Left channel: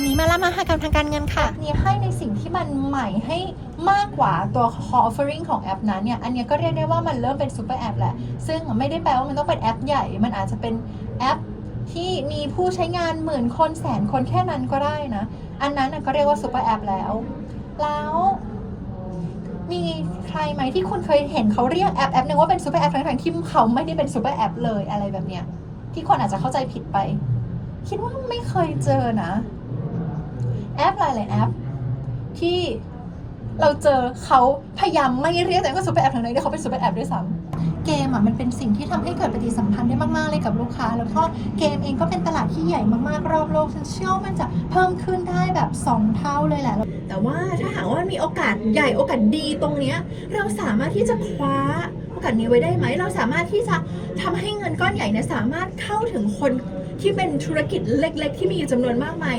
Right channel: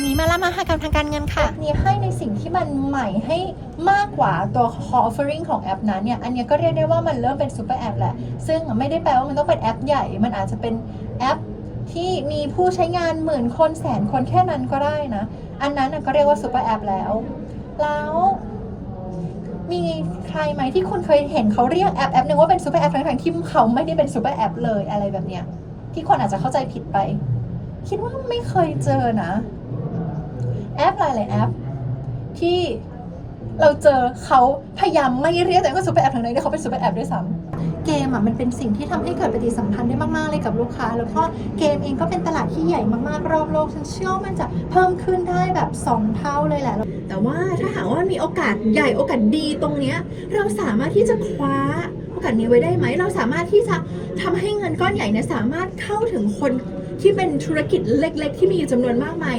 ันนี้มาละมหากรรมทางการเงินค่ะ นี้ให้ในสิ่งที่มันใหม่ให้มากกว่าตัว core offering ของแอปนั้นเนี่ย อันเนี้ยก็เรียกได้ว่ามันเริ่มเป็นซูเปอร์แอปแหละ ซึ่งไม่ได้แปลว่ามันต้องเป็นแอปใหญ่ มันอาจจะเป็นแอปที่มีผู้ใช้งานหมื่นคนแสนคนแค่นั้นก็ได้นะ อันนั้นก็เรียกว่าซูเปอร์แอปแล้ว แล้วมีใครไหมที่คุณเคยเห็นเขาเรียกแอปแอปหนึ่งว่าเป็นซูเปอร์แอปทั้งๆที่เขาไม่ได้เป็นซูเปอร์แอปเลยอะไรแบบเนี้ยที่คนอาจจะเข้าใจผิดไป คิดว่าไม่เคยเจอนะ แอปหลายๆแอป ที่เราเจอเขาพยายามไม่เรียกแตัวเองว่าซูเปอร์แอปทั้งนั้นที่เขาเป็นซูเปอร์แอปด้วยซ้ำเกมอะมันเป็นสิ่งที่ทำให้เกิดปฏิสัมพันธ์ได้มาก ๆ เลยกับลูกค้า แล้วก็เกมเองก็เป็นตลาดที่ใหญ่มาก ๆ รอบโลกฉันเชื่อว่ามันจะเพิ่มขึ้นได้แบบ 2 เท่าเลยแหละ แต่ว่าถ้าหากว่ามันมีโอกาสใหญ่โอกาสดีตรงเนี้ยเราสามารถที่จะคว้าโอกาสนี้ไว้ได้ไหม เราสามารถที่จะทำให้เงินก้อนใหญ่เนี่ยสามารถเข้าถึงคนที่เป็นธุรกิจเล็ก ๆ ที่มีจำนวนมากมาย